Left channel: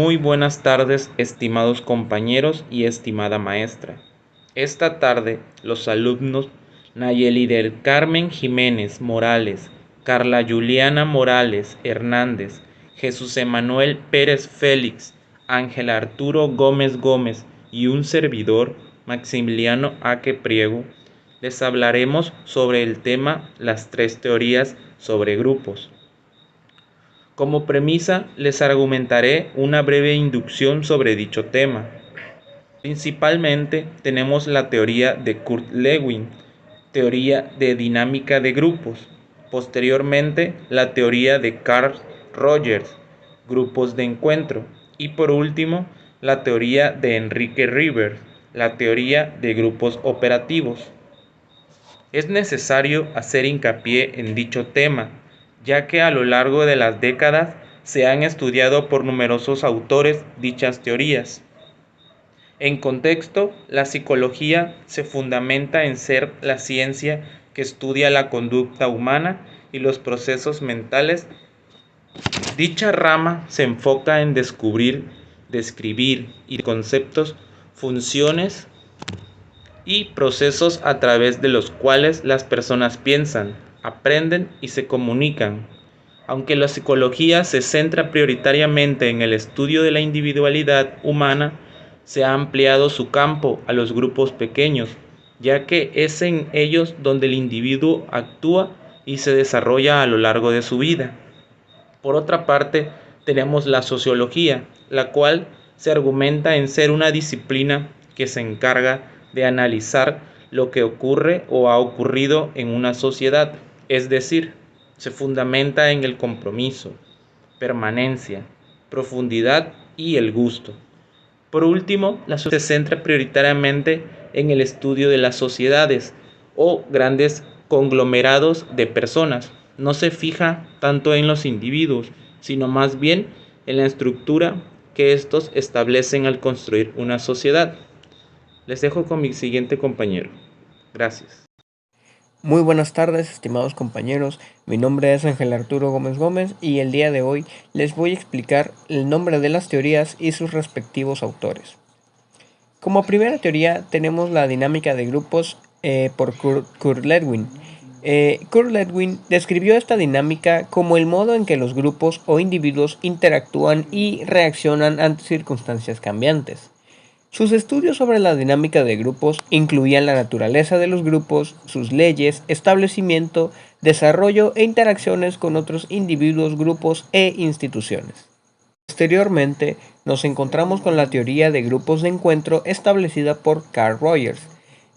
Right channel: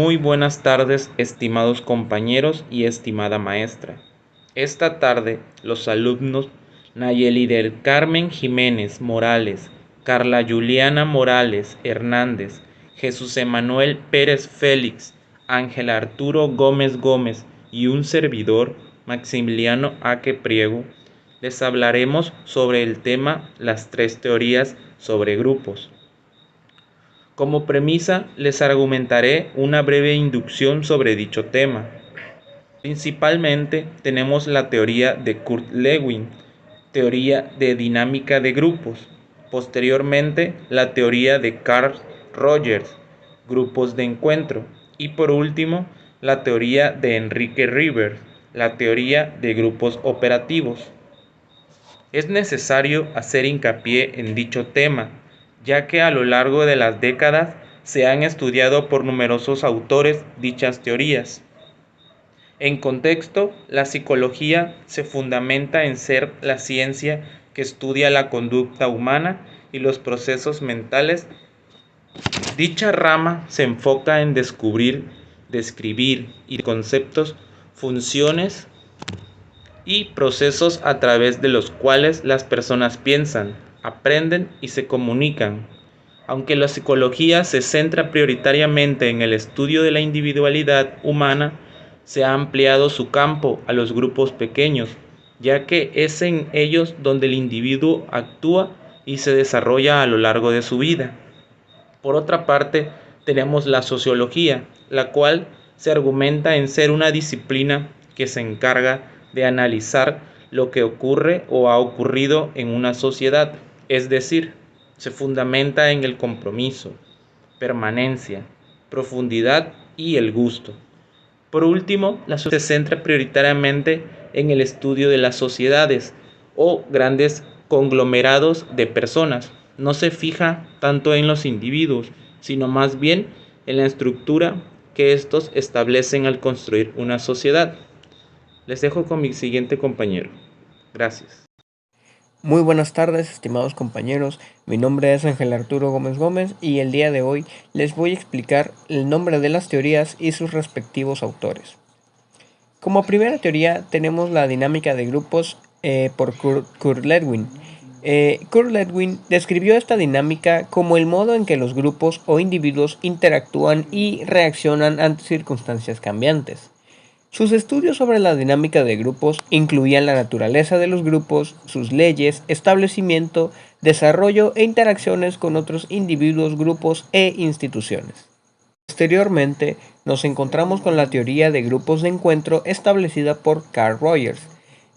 Muy buenas tardes, estimados compañeros y estimada maestra. Esta tarde, los alumnos Nayeli del Carmen Jiménez Morales, Carla Juliana Morales Hernández, Jesús Emanuel Pérez Félix, Ángel Arturo Gómez Gómez y un servidor, Maximiliano Aque Priego, les hablaremos sobre el tema Las tres teorías sobre grupos. Como premisa, les argumentaré una breve inducción sobre dicho tema. Principalmente tenemos la teoría de Kurt Lewin, teoría de dinámica de grupos. Posteriormente, la teoría de Carl Rogers, grupos de encuentro. Y por último, la teoría de Enrique Rivers, la teoría de grupos operativos. Es necesario hacer hincapié en dicho tema, ya que a lo largo de las décadas se han estudiado por numerosos autores dichas teorías. En contexto, la psicología se fundamenta en ser la ciencia que estudia la conducta humana y los procesos mentales. Dicha rama se enfoca en descubrir, describir y conceptos, funciones y procesos a través de los cuales las personas piensan, aprenden y se comunican. Aunque la psicología se centra prioritariamente en el estudio de la individualidad humana, se ha ampliado su campo a los grupos pequeños, ya que es en ellos donde el individuo actúa y se desarrolla a lo largo de su vida. Por otra parte, tenemos la sociología, la cual se argumenta en ser una disciplina que se encarga de analizar lo que ocurre o ha ocurrido en una sociedad, es decir, se fundamenta en el compromiso, permanencia, profundidad y el gusto. Por último, la sociología se centra prioritariamente en el estudio de las sociedades o grandes conglomerados de personas. No se fija tanto en los individuos, sino más bien en la estructura que estos establecen al construir una sociedad. Les dejo con mi siguiente compañero. Gracias. Muy buenas tardes, estimados compañeros. Mi nombre es Ángel Arturo Gómez Gómez y el día de hoy les voy a explicar el nombre de las teorías y sus respectivos autores. Como primera teoría tenemos la dinámica de grupos por Kurt Lewin. Kurt Lewin describió esta dinámica como el modo en que los grupos o individuos interactúan y reaccionan ante circunstancias cambiantes. Sus estudios sobre la dinámica de grupos incluían la naturaleza de los grupos, sus leyes, establecimiento, desarrollo e interacciones con otros individuos, grupos e instituciones. Posteriormente, nos encontramos con la teoría de grupos de encuentro establecida por Carl Rogers.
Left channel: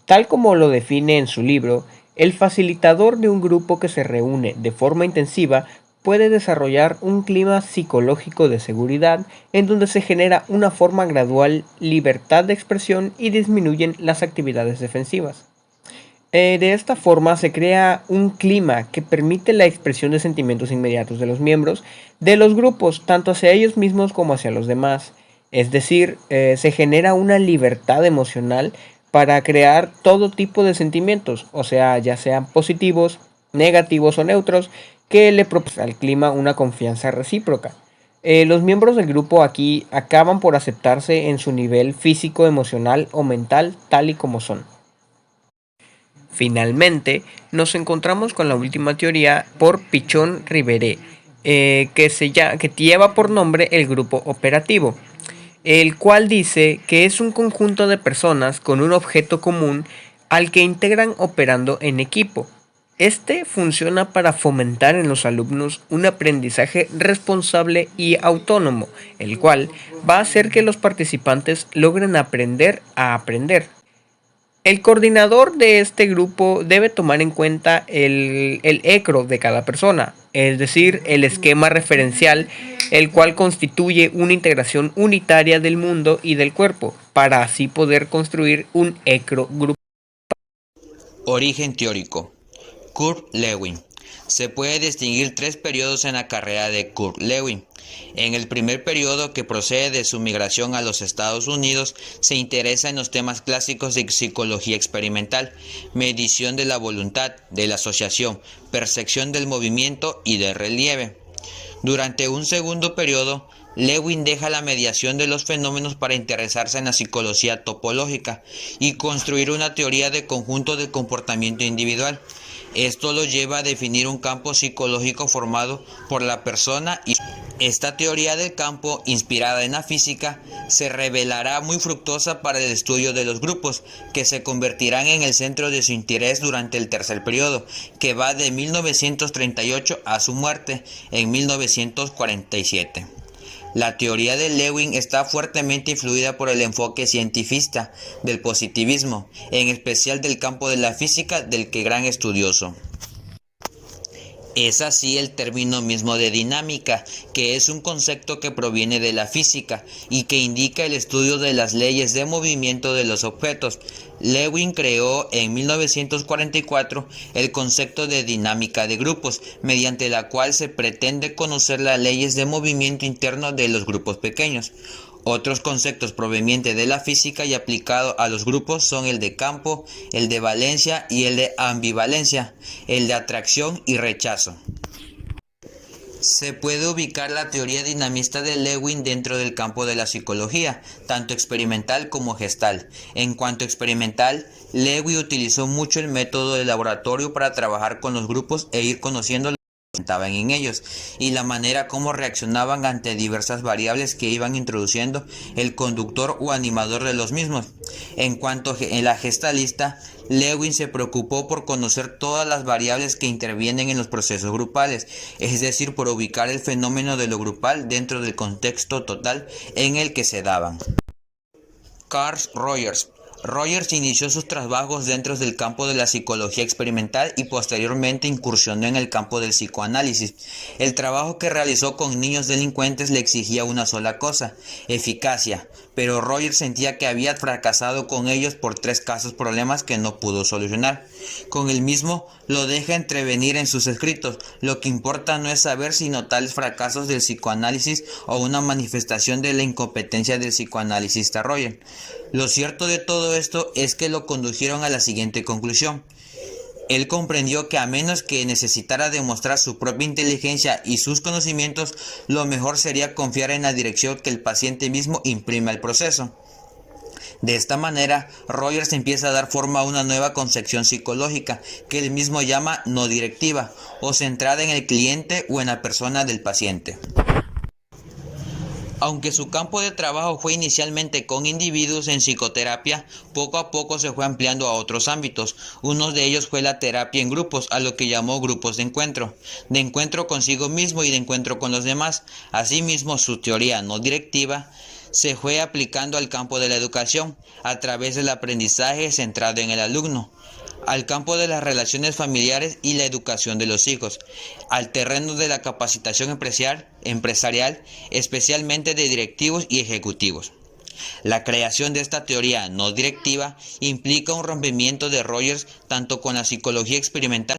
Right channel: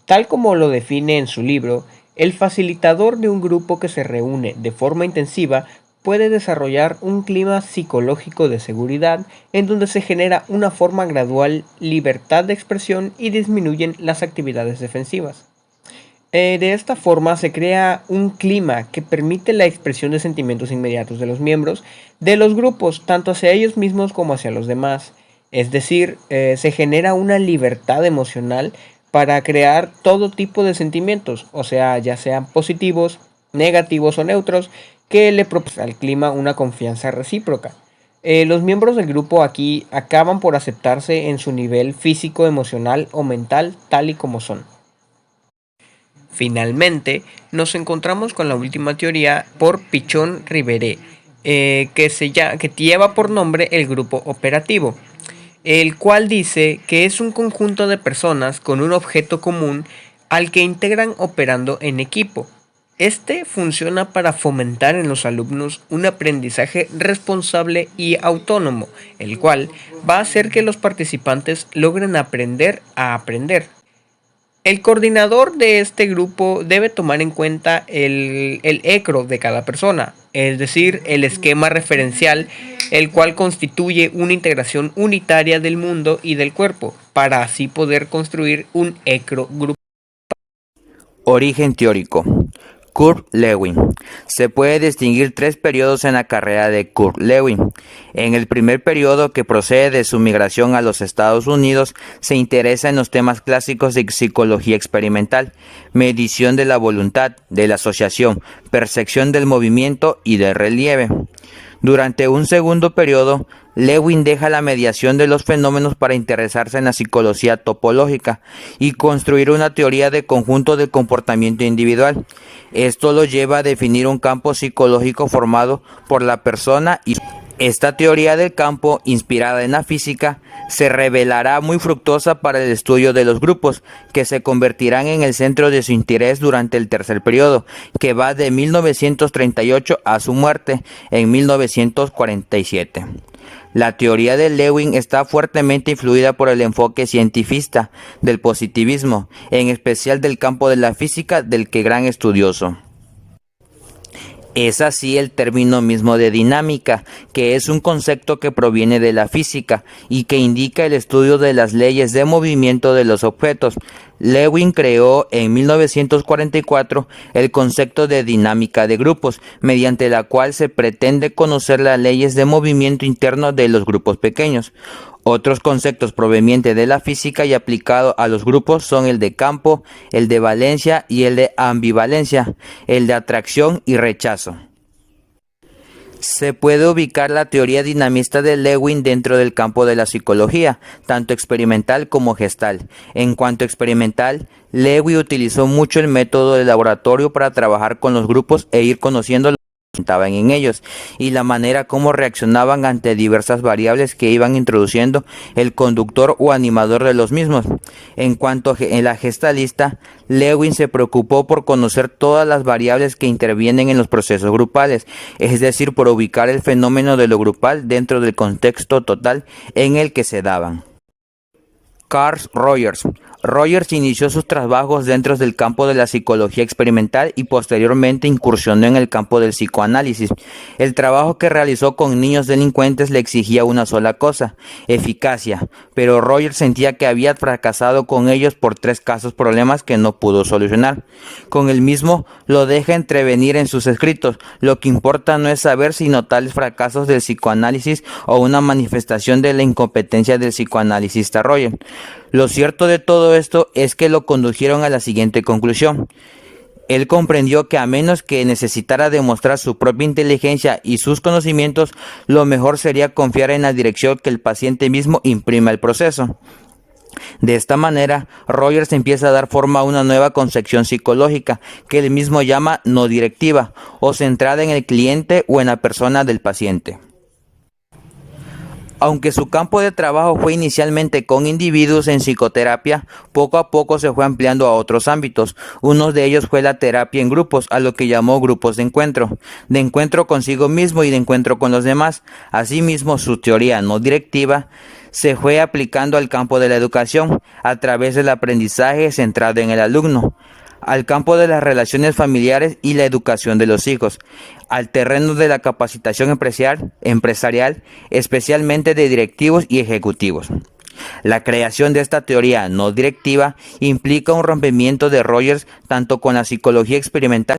Tal como lo define en su libro, el facilitador de un grupo que se reúne de forma intensiva puede desarrollar un clima psicológico de seguridad en donde se genera una forma gradual libertad de expresión y disminuyen las actividades defensivas. De esta forma se crea un clima que permite la expresión de sentimientos inmediatos de los miembros de los grupos, tanto hacia ellos mismos como hacia los demás. Es decir, se genera una libertad emocional para crear todo tipo de sentimientos, o sea, ya sean positivos, negativos o neutros, que le proporciona al clima una confianza recíproca. Los miembros del grupo aquí acaban por aceptarse en su nivel físico, emocional o mental tal y como son. Finalmente, nos encontramos con la última teoría por Pichon Riveré, que lleva por nombre el grupo operativo, el cual dice que es un conjunto de personas con un objeto común al que integran operando en equipo. Este funciona para fomentar en los alumnos un aprendizaje responsable y autónomo, el cual va a hacer que los participantes logren aprender a aprender. El coordinador de este grupo debe tomar en cuenta el ECRO de cada persona, es decir, el esquema referencial, el cual constituye una integración unitaria del mundo y del cuerpo, para así poder construir un ECRO grupo. Origen teórico. Kurt Lewin. Se puede distinguir tres periodos en la carrera de Kurt Lewin. En el primer periodo, que procede de su migración a los Estados Unidos, se interesa en los temas clásicos de psicología experimental, medición de la voluntad, de la asociación, percepción del movimiento y del relieve. Durante un segundo periodo, Lewin deja la mediación de los fenómenos para interesarse en la psicología topológica y construir una teoría de conjunto del comportamiento individual. Esto lo lleva a definir un campo psicológico formado por la persona y esta teoría del campo, inspirada en la física, se revelará muy fructuosa para el estudio de los grupos, que se convertirán en el centro de su interés durante el tercer periodo, que va de 1938 a su muerte en 1947. La teoría de Lewin está fuertemente influida por el enfoque cientifista del positivismo, en especial del campo de la física del que gran estudioso. Es así el término mismo de dinámica, que es un concepto que proviene de la física y que indica el estudio de las leyes de movimiento de los objetos. Lewin creó en 1944 el concepto de dinámica de grupos, mediante la cual se pretende conocer las leyes de movimiento interno de los grupos pequeños. Otros conceptos provenientes de la física y aplicados a los grupos son el de campo, el de valencia y el de ambivalencia, el de atracción y rechazo. Se puede ubicar la teoría dinamista de Lewin dentro del campo de la psicología, tanto experimental como gestal. En cuanto experimental, Lewin utilizó mucho el método de laboratorio para trabajar con los grupos e ir conociendo lo que estaban en ellos y la manera como reaccionaban ante diversas variables que iban introduciendo el conductor o animador de los mismos. En cuanto a la gestalista, Lewin se preocupó por conocer todas las variables que intervienen en los procesos grupales, es decir, por ubicar el fenómeno de lo grupal dentro del contexto total en el que se daban. Carl Rogers. Rogers inició sus trabajos dentro del campo de la psicología experimental y posteriormente incursionó en el campo del psicoanálisis. El trabajo que realizó con niños delincuentes le exigía una sola cosa: eficacia, pero Rogers sentía que había fracasado con ellos por 3 casos problemas que no pudo solucionar. Con el mismo lo deja entrevenir en sus escritos: lo que importa no es saber sino tales fracasos del psicoanálisis o una manifestación de la incompetencia del psicoanalista Rogers. Lo cierto de todo esto es que lo condujeron a la siguiente conclusión. Él comprendió que a menos que necesitara demostrar su propia inteligencia y sus conocimientos, lo mejor sería confiar en la dirección que el paciente mismo imprima al proceso. De esta manera, Rogers empieza a dar forma a una nueva concepción psicológica que él mismo llama no directiva o centrada en el cliente o en la persona del paciente. Aunque su campo de trabajo fue inicialmente con individuos en psicoterapia, poco a poco se fue ampliando a otros ámbitos. Uno de ellos fue la terapia en grupos, a lo que llamó grupos de encuentro consigo mismo y de encuentro con los demás. Asimismo, su teoría no directiva se fue aplicando al campo de la educación, a través del aprendizaje centrado en el alumno, al campo de las relaciones familiares y la educación de los hijos, al terreno de la capacitación empresarial, especialmente de directivos y ejecutivos. La creación de esta teoría no directiva implica un rompimiento de Rogers tanto con la psicología experimental.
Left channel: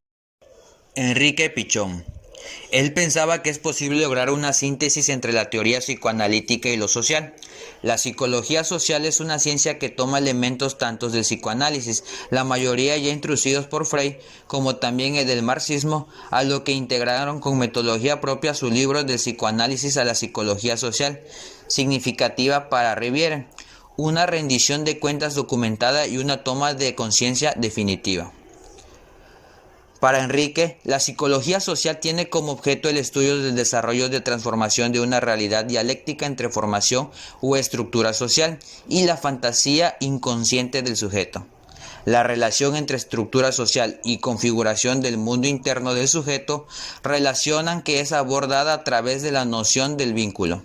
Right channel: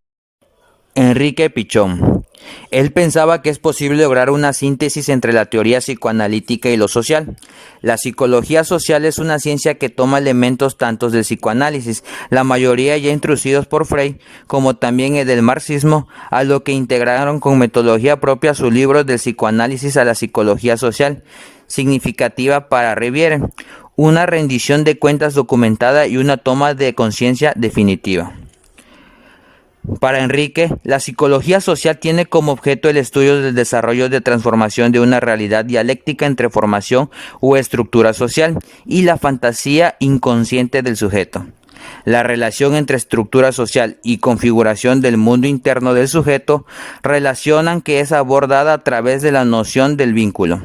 Enrique Pichon. Él pensaba que es posible lograr una síntesis entre la teoría psicoanalítica y lo social. La psicología social es una ciencia que toma elementos tanto del psicoanálisis, la mayoría ya introducidos por Freud, como también el del marxismo, a lo que integraron con metodología propia sus libros del psicoanálisis a la psicología social, significativa para Riviere, una rendición de cuentas documentada y una toma de conciencia definitiva. Para Enrique, la psicología social tiene como objeto el estudio del desarrollo de transformación de una realidad dialéctica entre formación o estructura social y la fantasía inconsciente del sujeto. La relación entre estructura social y configuración del mundo interno del sujeto relacionan que es abordada a través de la noción del vínculo.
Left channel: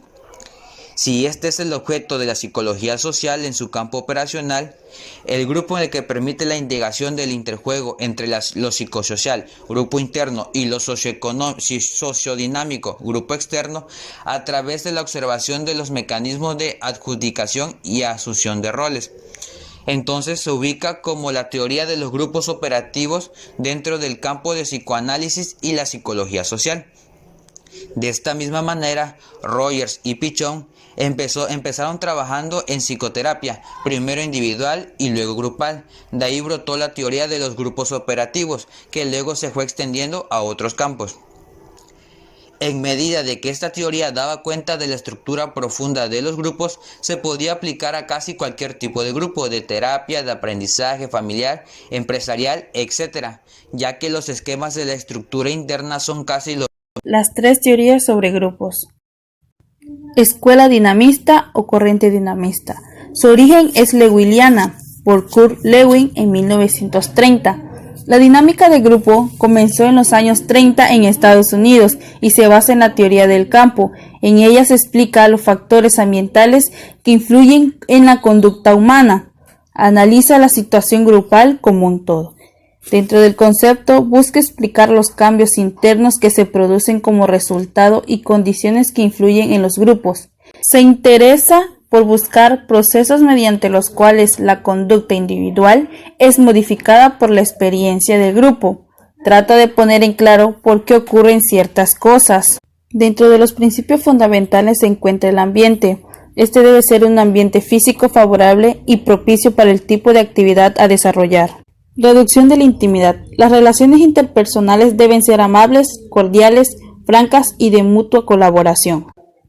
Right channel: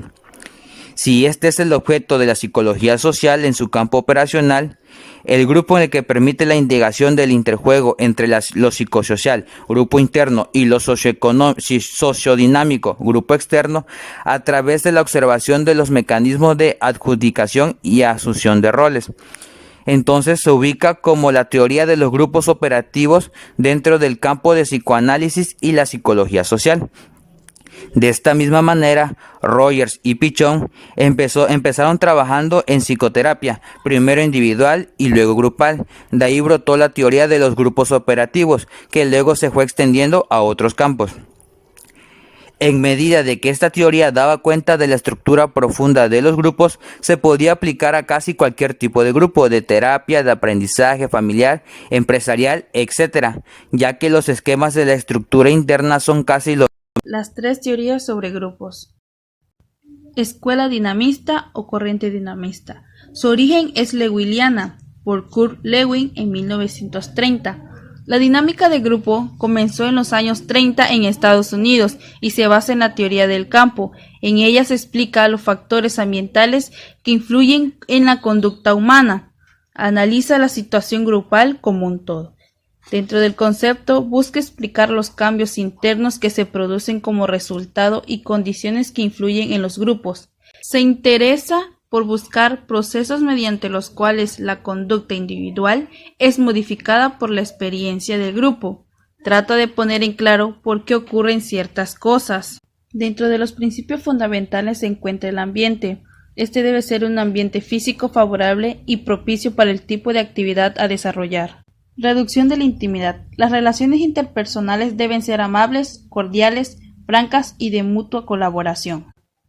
Si este es el objeto de la psicología social en su campo operacional, el grupo en el que permite la integración del interjuego entre lo psicosocial, grupo interno, y lo sociodinámico, grupo externo, a través de la observación de los mecanismos de adjudicación y asunción de roles. Entonces se ubica como la teoría de los grupos operativos dentro del campo de psicoanálisis y la psicología social. De esta misma manera, Rogers y Pichon empezaron trabajando en psicoterapia, primero individual y luego grupal. De ahí brotó la teoría de los grupos operativos, que luego se fue extendiendo a otros campos. En medida de que esta teoría daba cuenta de la estructura profunda de los grupos, se podía aplicar a casi cualquier tipo de grupo, de terapia, de aprendizaje familiar, empresarial, etc., ya que los esquemas de la estructura interna son casi los... Las tres teorías sobre grupos. Escuela dinamista o corriente dinamista. Su origen es lewiniana, por Kurt Lewin en 1930. La dinámica de grupo comenzó en los años 30 en Estados Unidos y se basa en la teoría del campo. En ella se explica los factores ambientales que influyen en la conducta humana. Analiza la situación grupal como un todo. Dentro del concepto, busca explicar los cambios internos que se producen como resultado y condiciones que influyen en los grupos. Se interesa por buscar procesos mediante los cuales la conducta individual es modificada por la experiencia del grupo. Trata de poner en claro por qué ocurren ciertas cosas. Dentro de los principios fundamentales se encuentra el ambiente. Este debe ser un ambiente físico favorable y propicio para el tipo de actividad a desarrollar. Reducción de la intimidad. Las relaciones interpersonales deben ser amables, cordiales, francas y de mutua colaboración.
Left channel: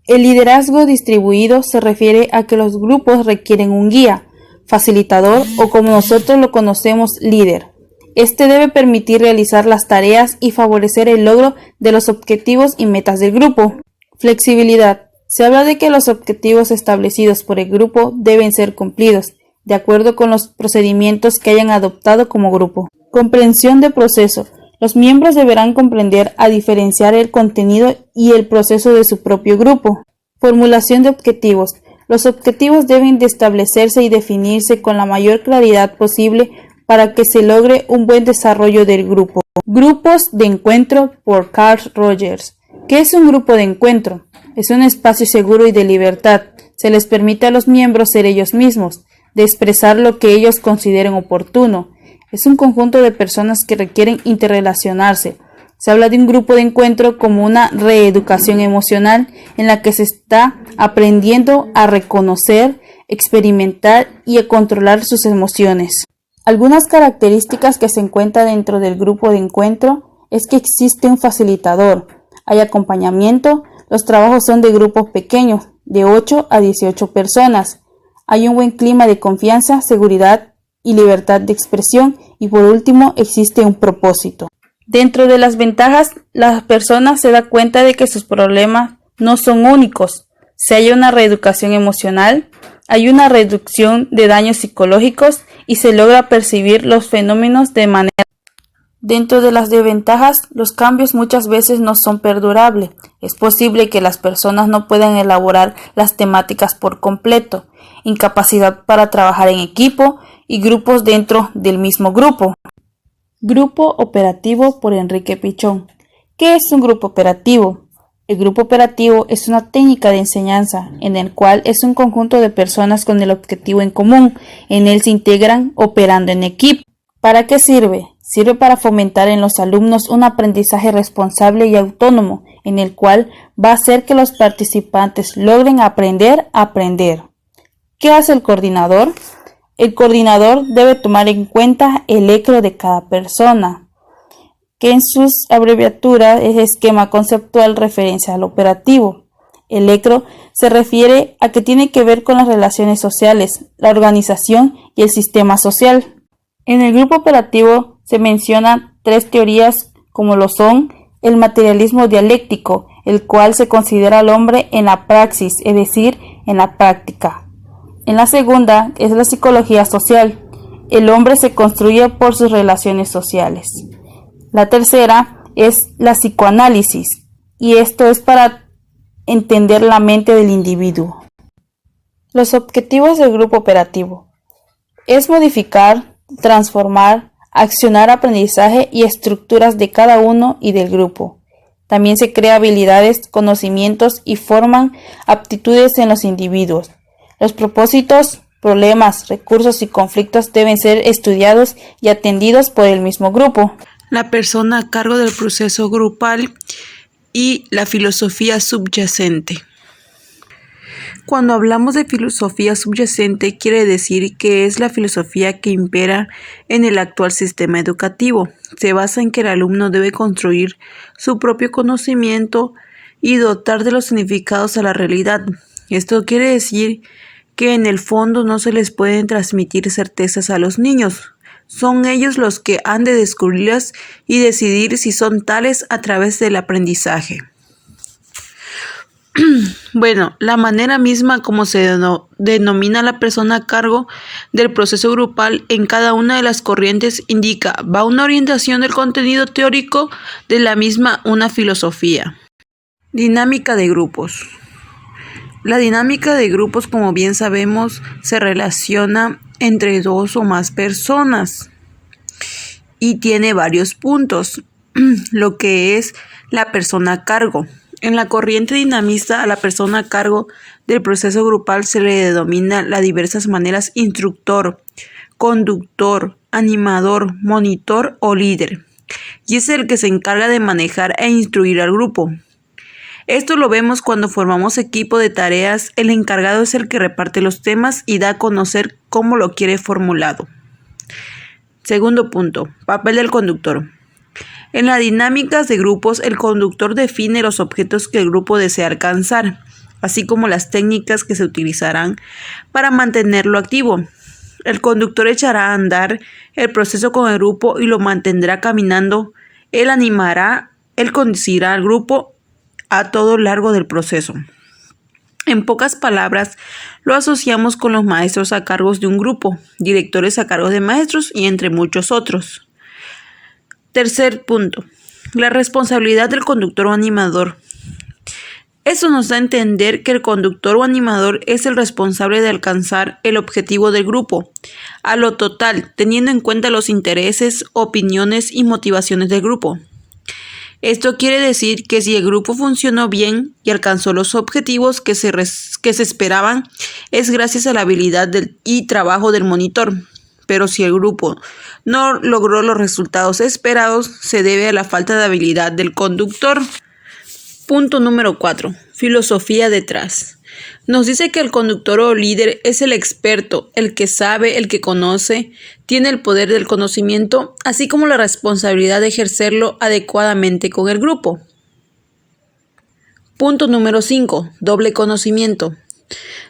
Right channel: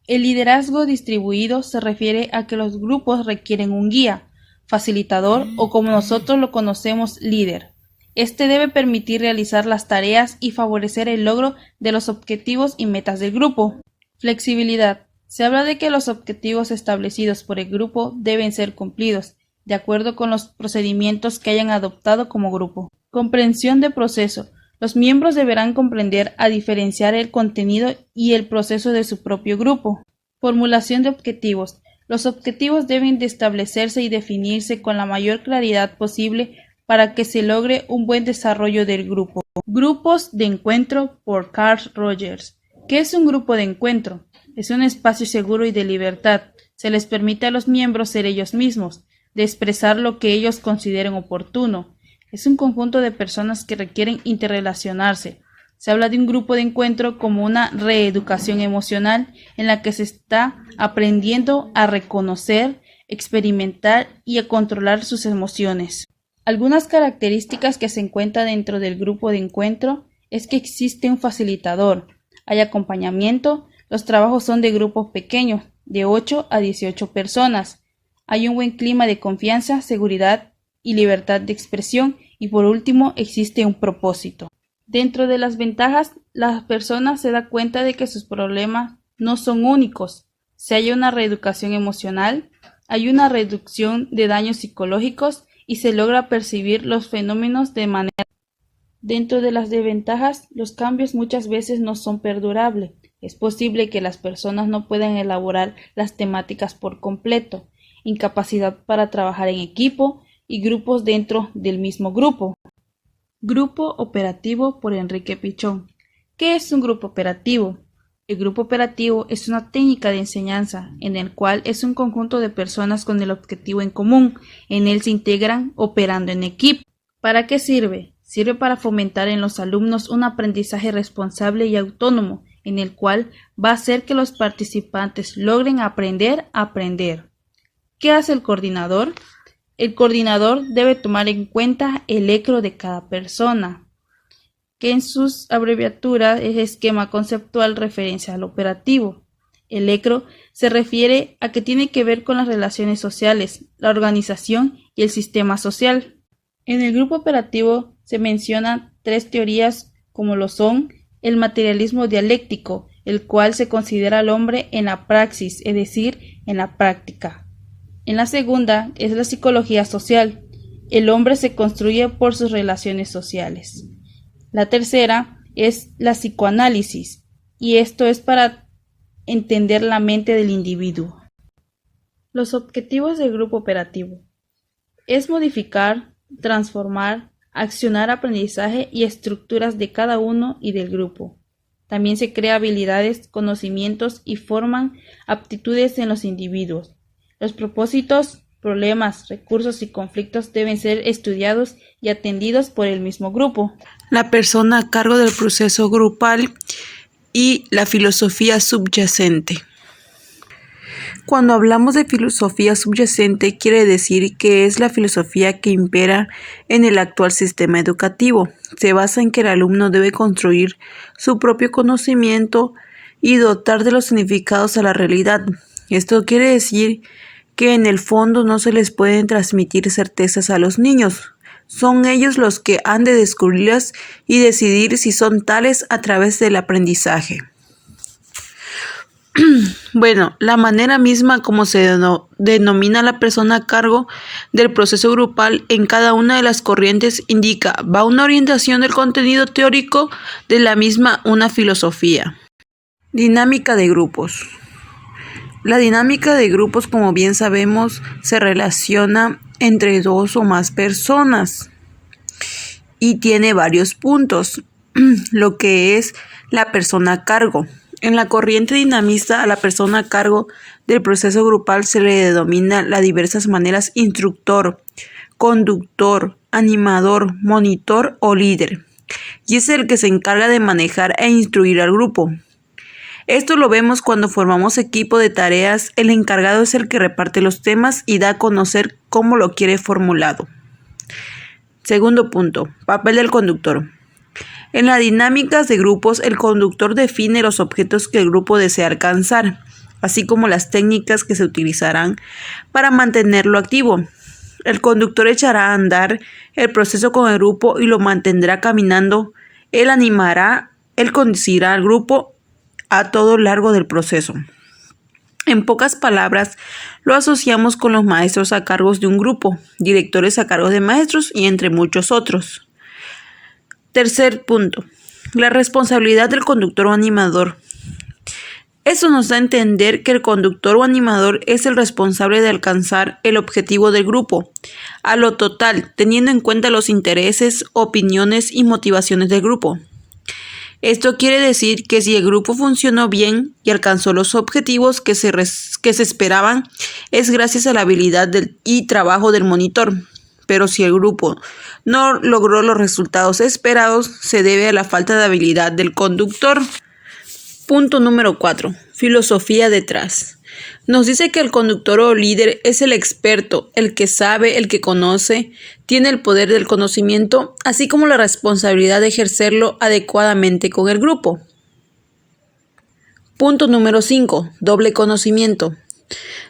El liderazgo distribuido se refiere a que los grupos requieren un guía, facilitador o como nosotros lo conocemos, líder. Este debe permitir realizar las tareas y favorecer el logro de los objetivos y metas del grupo. Flexibilidad. Se habla de que los objetivos establecidos por el grupo deben ser cumplidos, de acuerdo con los procedimientos que hayan adoptado como grupo. Comprensión de proceso. Los miembros deberán comprender a diferenciar el contenido y el proceso de su propio grupo. Formulación de objetivos. Los objetivos deben de establecerse y definirse con la mayor claridad posible para que se logre un buen desarrollo del grupo. Grupos de encuentro por Carl Rogers. ¿Qué es un grupo de encuentro? Es un espacio seguro y de libertad. Se les permite a los miembros ser ellos mismos, de expresar lo que ellos consideren oportuno. Es un conjunto de personas que requieren interrelacionarse. Se habla de un grupo de encuentro como una reeducación emocional en la que se está aprendiendo a reconocer, experimentar y a controlar sus emociones. Algunas características que se encuentran dentro del grupo de encuentro es que existe un facilitador, hay acompañamiento, los trabajos son de grupos pequeños, de 8 a 18 personas, hay un buen clima de confianza, seguridad y libertad de expresión y por último existe un propósito. Dentro de las ventajas, la persona se da cuenta de que sus problemas no son únicos. Si hay una reeducación emocional, hay una reducción de daños psicológicos y se logra percibir los fenómenos de manera. Dentro de las desventajas, los cambios muchas veces no son perdurables. Es posible que las personas no puedan elaborar las temáticas por completo, incapacidad para trabajar en equipo y grupos dentro del mismo grupo. Grupo operativo por Enrique Pichón. ¿Qué es un grupo operativo? El grupo operativo es una técnica de enseñanza en el cual es un conjunto de personas con el objetivo en común. En él se integran operando en equipo. ¿Para qué sirve? Sirve para fomentar en los alumnos un aprendizaje responsable y autónomo, en el cual va a hacer que los participantes logren aprender a aprender. ¿Qué hace el coordinador? El coordinador debe tomar en cuenta el ECRO de cada persona, que en sus abreviaturas es esquema conceptual referencial operativo. El ECRO se refiere a que tiene que ver con las relaciones sociales, la organización y el sistema social. En el grupo operativo se mencionan tres teorías como lo son el materialismo dialéctico, el cual se considera al hombre en la praxis, es decir, en la práctica. En la segunda es la psicología social. El hombre se construye por sus relaciones sociales. La tercera es la psicoanálisis, y esto es para entender la mente del individuo. Los objetivos del grupo operativo es modificar, transformar, accionar aprendizaje y estructuras de cada uno y del grupo. También se crea habilidades, conocimientos y forman aptitudes en los individuos. Los propósitos, problemas, recursos y conflictos deben ser estudiados y atendidos por el mismo grupo. La persona a cargo del proceso grupal y la filosofía subyacente. Cuando hablamos de filosofía subyacente, quiere decir que es la filosofía que impera en el actual sistema educativo. Se basa en que el alumno debe construir su propio conocimiento y dotar de los significados a la realidad. Esto quiere decir que en el fondo no se les pueden transmitir certezas a los niños. Son ellos los que han de descubrirlas y decidir si son tales a través del aprendizaje. Bueno, la manera misma como se denomina la persona a cargo del proceso grupal en cada una de las corrientes indica, va una orientación del contenido teórico de la misma, una filosofía. Dinámica de grupos. La dinámica de grupos, como bien sabemos, se relaciona entre dos o más personas y tiene varios puntos, lo que es la persona a cargo. En la corriente dinamista, a la persona a cargo del proceso grupal se le denomina las diversas maneras instructor, conductor, animador, monitor o líder, y es el que se encarga de manejar e instruir al grupo. Esto lo vemos cuando formamos equipo de tareas, el encargado es el que reparte los temas y da a conocer cómo lo quiere formulado. Segundo punto, papel del conductor. En las dinámicas de grupos, el conductor define los objetos que el grupo desea alcanzar, así como las técnicas que se utilizarán para mantenerlo activo. El conductor echará a andar el proceso con el grupo y lo mantendrá caminando. Él animará, él conducirá al grupo a todo lo largo del proceso. En pocas palabras, lo asociamos con los maestros a cargo de un grupo, directores a cargo de maestros y entre muchos otros. Tercer punto, la responsabilidad del conductor o animador. Eso nos da a entender que el conductor o animador es el responsable de alcanzar el objetivo del grupo, a lo total, teniendo en cuenta los intereses, opiniones y motivaciones del grupo. Esto quiere decir que si el grupo funcionó bien y alcanzó los objetivos que se esperaban, es gracias a la habilidad y trabajo del monitor. Pero si el grupo no logró los resultados esperados, se debe a la falta de habilidad del conductor. Punto número 4. Filosofía detrás. Nos dice que el conductor o líder es el experto, el que sabe, el que conoce, tiene el poder del conocimiento, así como la responsabilidad de ejercerlo adecuadamente con el grupo. Punto número 5. Doble conocimiento.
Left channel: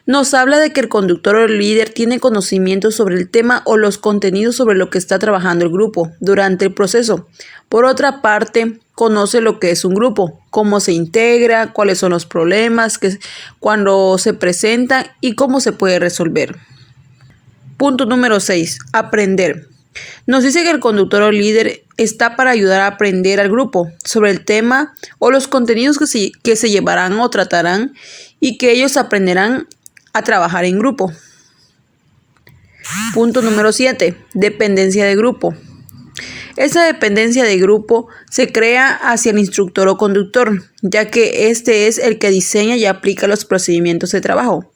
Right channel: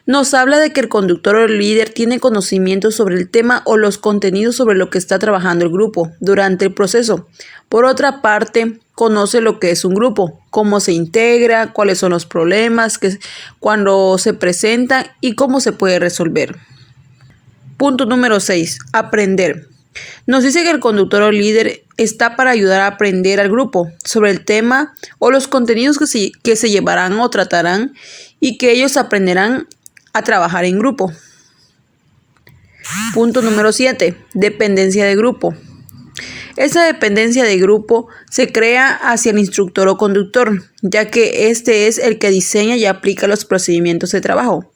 Nos habla de que el conductor o el líder tiene conocimiento sobre el tema o los contenidos sobre lo que está trabajando el grupo durante el proceso. Por otra parte, conoce lo que es un grupo, cómo se integra, cuáles son los problemas cuando se presentan y cómo se puede resolver. Punto número 6. Aprender. Nos dice que el conductor o líder está para ayudar a aprender al grupo sobre el tema o los contenidos que se llevarán o tratarán y que ellos aprenderán a trabajar en grupo. Punto número 7. Dependencia de grupo. Esa dependencia de grupo se crea hacia el instructor o conductor, ya que este es el que diseña y aplica los procedimientos de trabajo.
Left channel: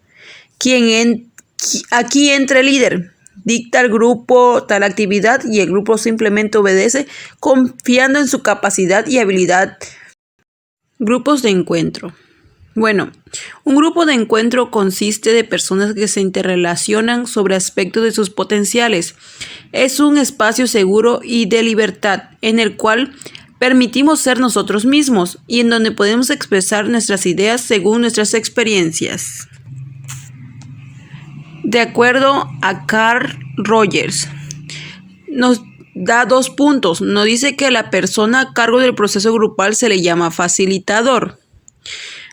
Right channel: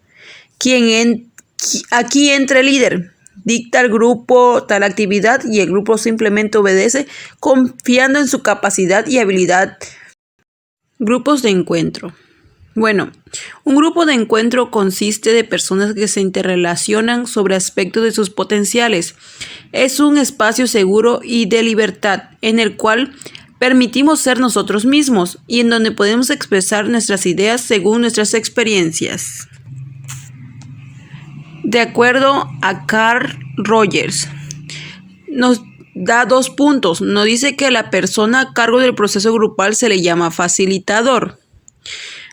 Aquí entra el líder. Dicta al grupo tal actividad y el grupo simplemente obedece confiando en su capacidad y habilidad. Grupos de encuentro. Bueno, un grupo de encuentro consiste de personas que se interrelacionan sobre aspectos de sus potenciales. Es un espacio seguro y de libertad en el cual permitimos ser nosotros mismos y en donde podemos expresar nuestras ideas según nuestras experiencias. De acuerdo a Carl Rogers, nos da 2 puntos. Nos dice que a la persona a cargo del proceso grupal se le llama facilitador.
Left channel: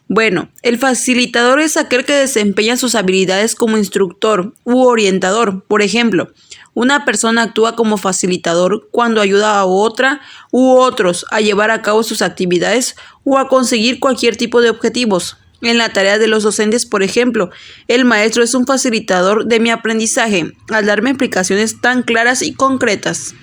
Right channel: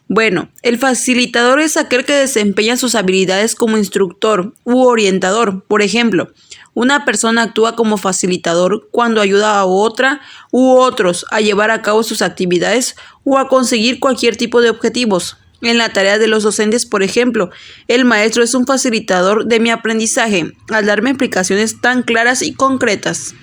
Bueno, el facilitador es aquel que desempeña sus habilidades como instructor u orientador. Por ejemplo, una persona actúa como facilitador cuando ayuda a otra u otros a llevar a cabo sus actividades o a conseguir cualquier tipo de objetivos. En la tarea de los docentes, por ejemplo, el maestro es un facilitador de mi aprendizaje al darme explicaciones tan claras y concretas.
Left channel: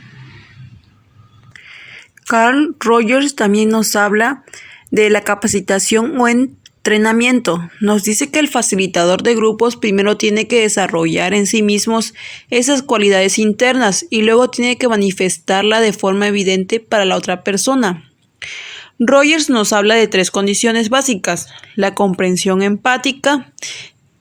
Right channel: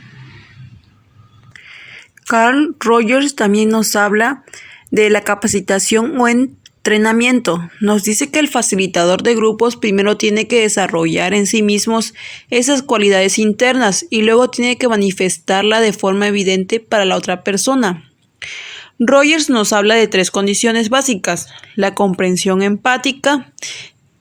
Carl Rogers también nos habla de la capacitación o entrenamiento. Nos dice que el facilitador de grupos primero tiene que desarrollar en sí mismos esas cualidades internas y luego tiene que manifestarla de forma evidente para la otra persona. Rogers nos habla de 3 condiciones básicas: la comprensión empática.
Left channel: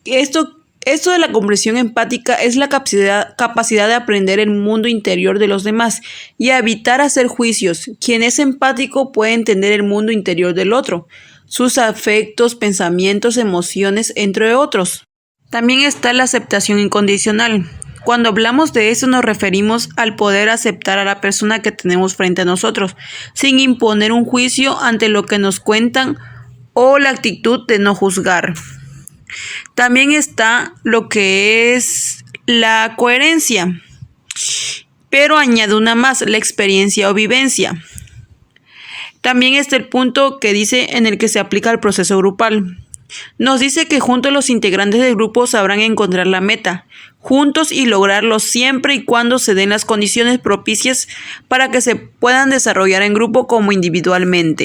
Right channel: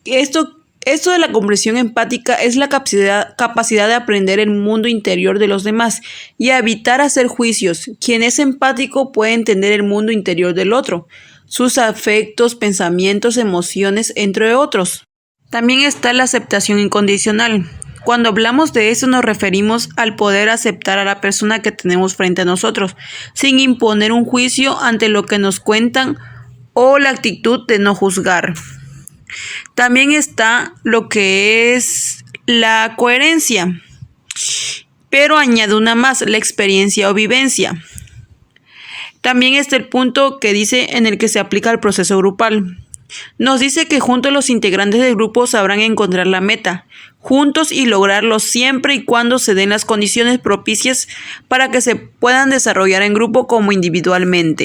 Esto de la comprensión empática es la capacidad de aprender el mundo interior de los demás y evitar hacer juicios. Quien es empático puede entender el mundo interior del otro. sus afectos, pensamientos, emociones, entre otros. También está la aceptación incondicional. Cuando hablamos de eso nos referimos al poder aceptar a la persona que tenemos frente a nosotros, sin imponer un juicio ante lo que nos cuentan o la actitud de no juzgar. También está lo que es la coherencia, pero añade una más, la experiencia o vivencia. También está el punto que dice en el que se aplica el proceso grupal. Nos dice que juntos los integrantes del grupo sabrán encontrar la meta, juntos y lograrlo siempre y cuando se den las condiciones propicias para que se puedan desarrollar en grupo como individualmente.